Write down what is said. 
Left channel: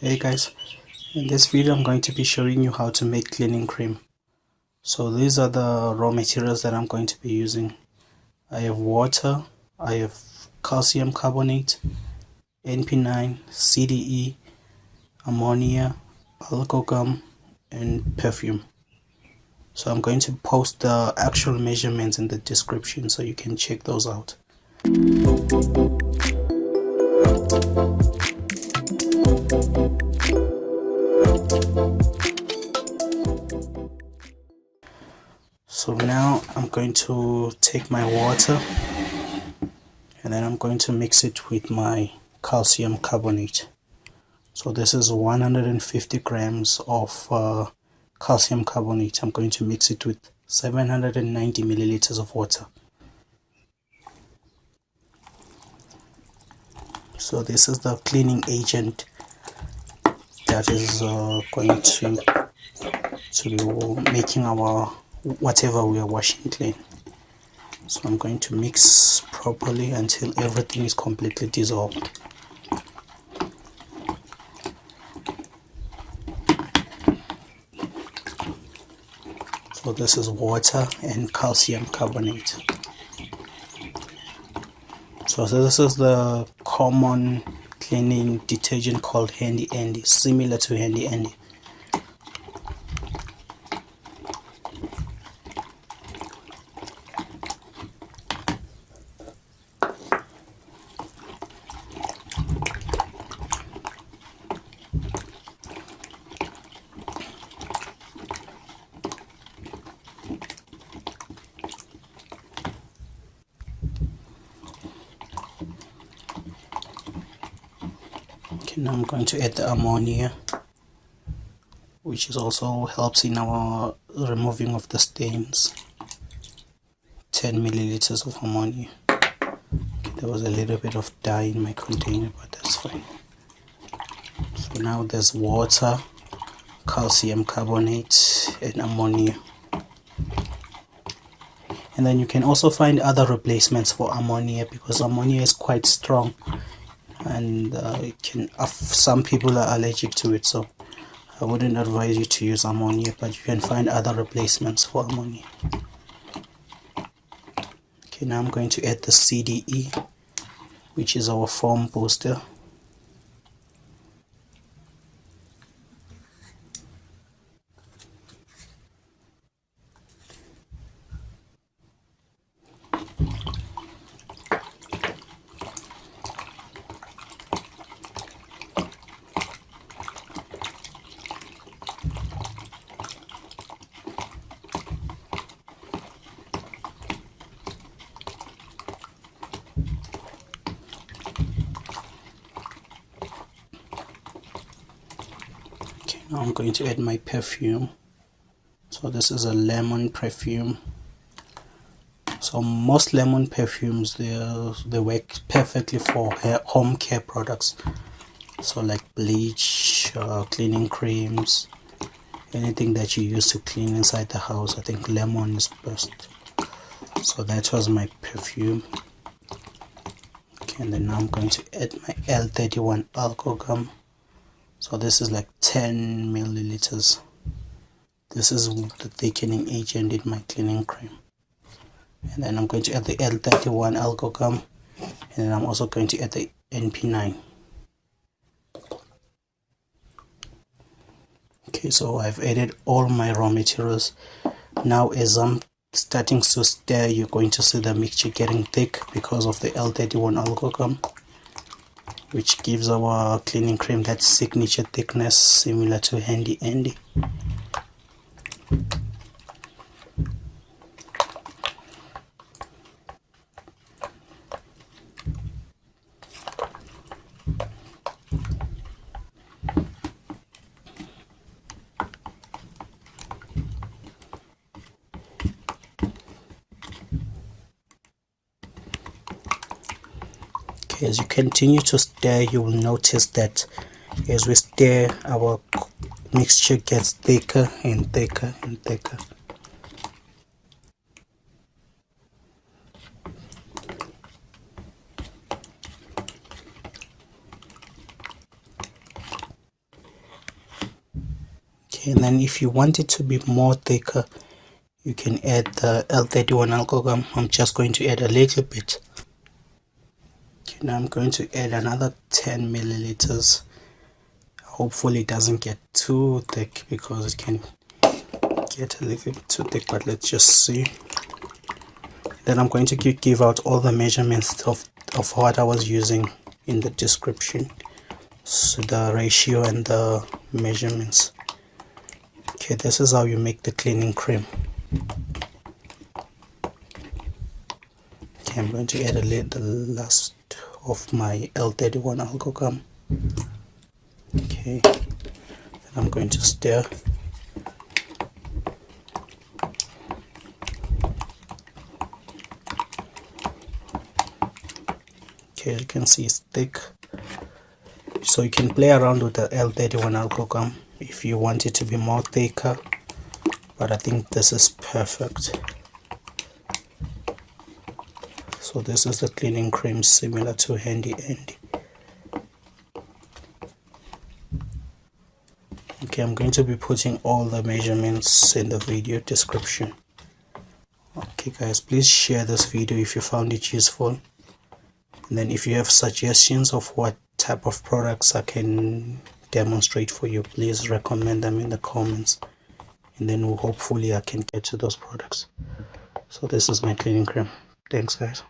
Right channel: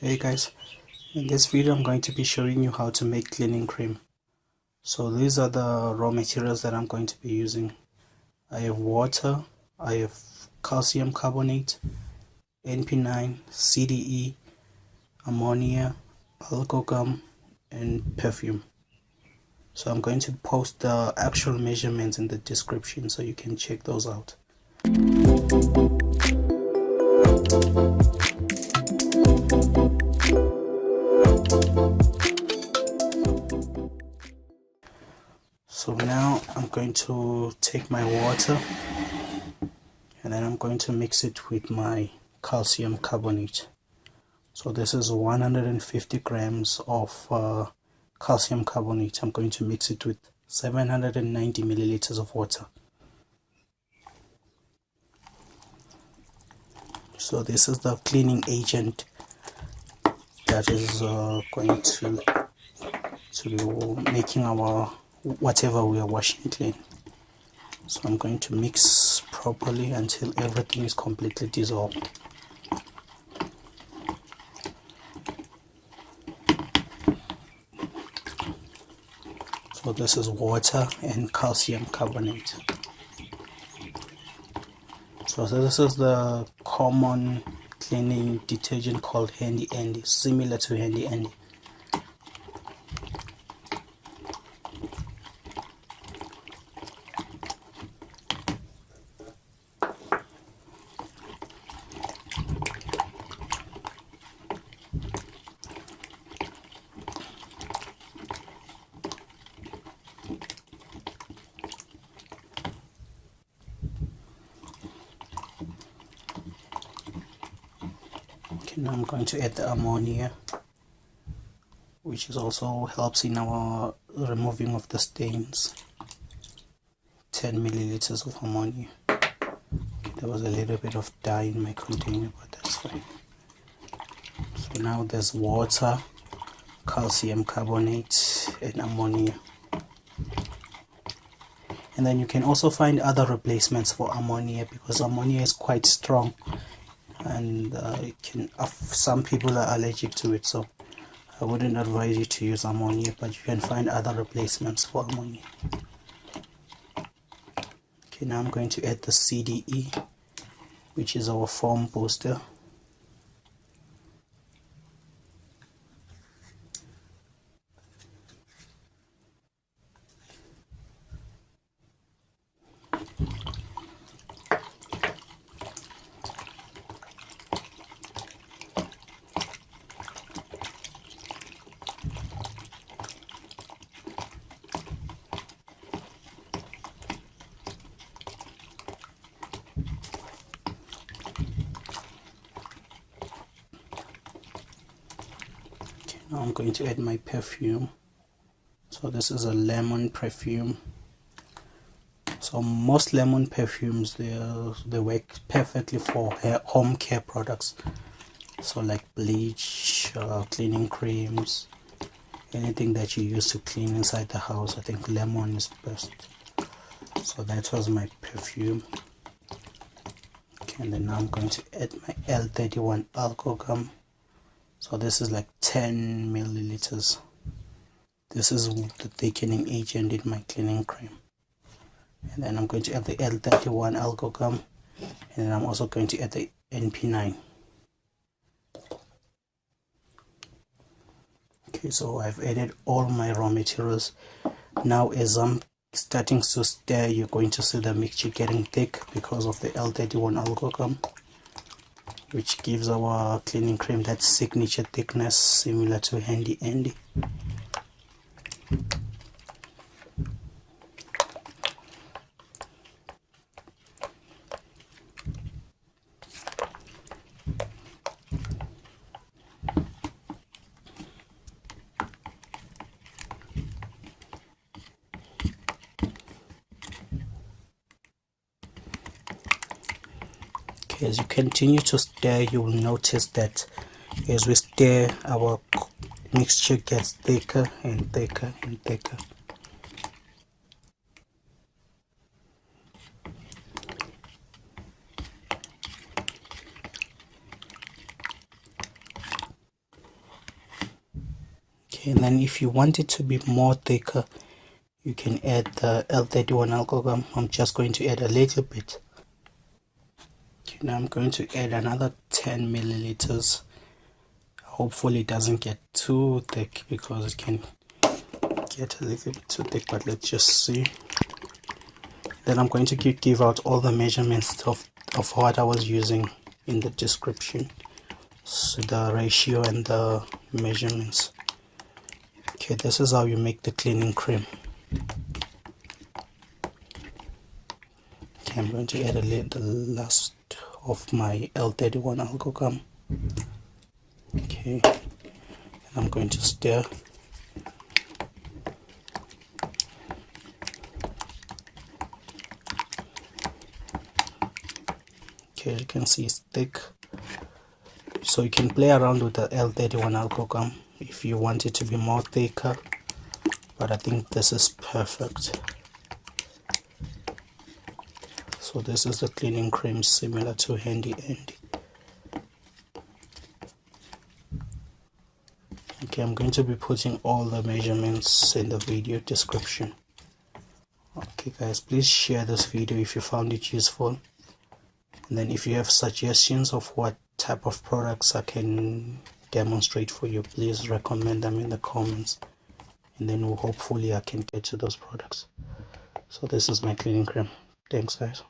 Hey guys, in this video I'm going to be showing you how to make cleaning cream. So these are the raw materials that I'm going to be using. I have water, I have calcium carbonate, NP9, CDE, ammonia, algogum, and perfume. So I'm going to post the actual measurements in the description so you can check those out. So now I'm going to take my water and then I'm going to mix it with my calcium carbonate. So this is 150 grams of calcium carbonate. I'm going to mix it with 790 milliliters of water. So this is the cleaning agent that is going to be making our whatever we are washing clean. So I'm going to mix properly until everything is completely dissolved. So this is water and calcium carbonate. So this is the common cleaning detergent called Handy Andy, similar to Handy Andy. Now I'm going to add the ammonia, which is also helps in our removing of the stains. 10 milliliters of ammonia. Okay, there was a little bit of dye in my container, but that's fine. So now there's water, calcium carbonate, and ammonia. And then you can also find other replacements for ammonia because ammonia is quite strong. And some people are allergic to it, so I wouldn't advise you to use ammonia, but you can find other replacements for ammonia. Okay, now I'm going to add the CDE, which is our foam booster. Now I'm going to add my perfume. So this is a lemon perfume. So most lemon perfumes, they work perfectly for home care products. So like bleach, cleaning creams, anything that you use to clean inside the house, I think lemon is best. So that was my perfume. Okay, and then now I'm going to add my L31 Algogum. So this is like 10 milliliters. This is the thickening agent in my cleaning cream. And then I'm going to add the L31 Algogum, and then I'm also going to add the NP9. Okay, so I've added all my raw materials. Now as I'm starting to stir, you're going to see the mixture getting thick because of the L31 Algogum, which gives our cleaning cream that signature thickness similar to Handy Andy. As you continue to stir, you will notice that as we stir, our mixture gets thicker and thicker and thicker. Okay, and then if you want it to be more thicker, you can add the L31 alcohol. I'm just going to add a little bit. Okay, now I'm going to add another 10 milliliters. Hopefully it doesn't get too thick, because it can get a little bit too thick, but let's just see. Then I'm going to give out all the measurements of what I was using in the description, so the ratio and the measurements. Okay, this is how you make the cleaning cream. Okay, I'm going to add the last of my L31 algogum. Okay, and I'm going to stir. Okay, you can see it's thick, so you can play around with the L31 algogum if you want it to be more thicker, but I think this is perfect. So this is the cleaning cream, similar to Handy Andy. Okay, I'm going to be putting all the measurements in the video description. Okay guys, please share this video if you found it useful. And then if you have suggestions of what type of products I can demonstrate for you, please recommend them in the comments, and then hopefully I can get to those products. So this is my cleaning cream. Thanks guys.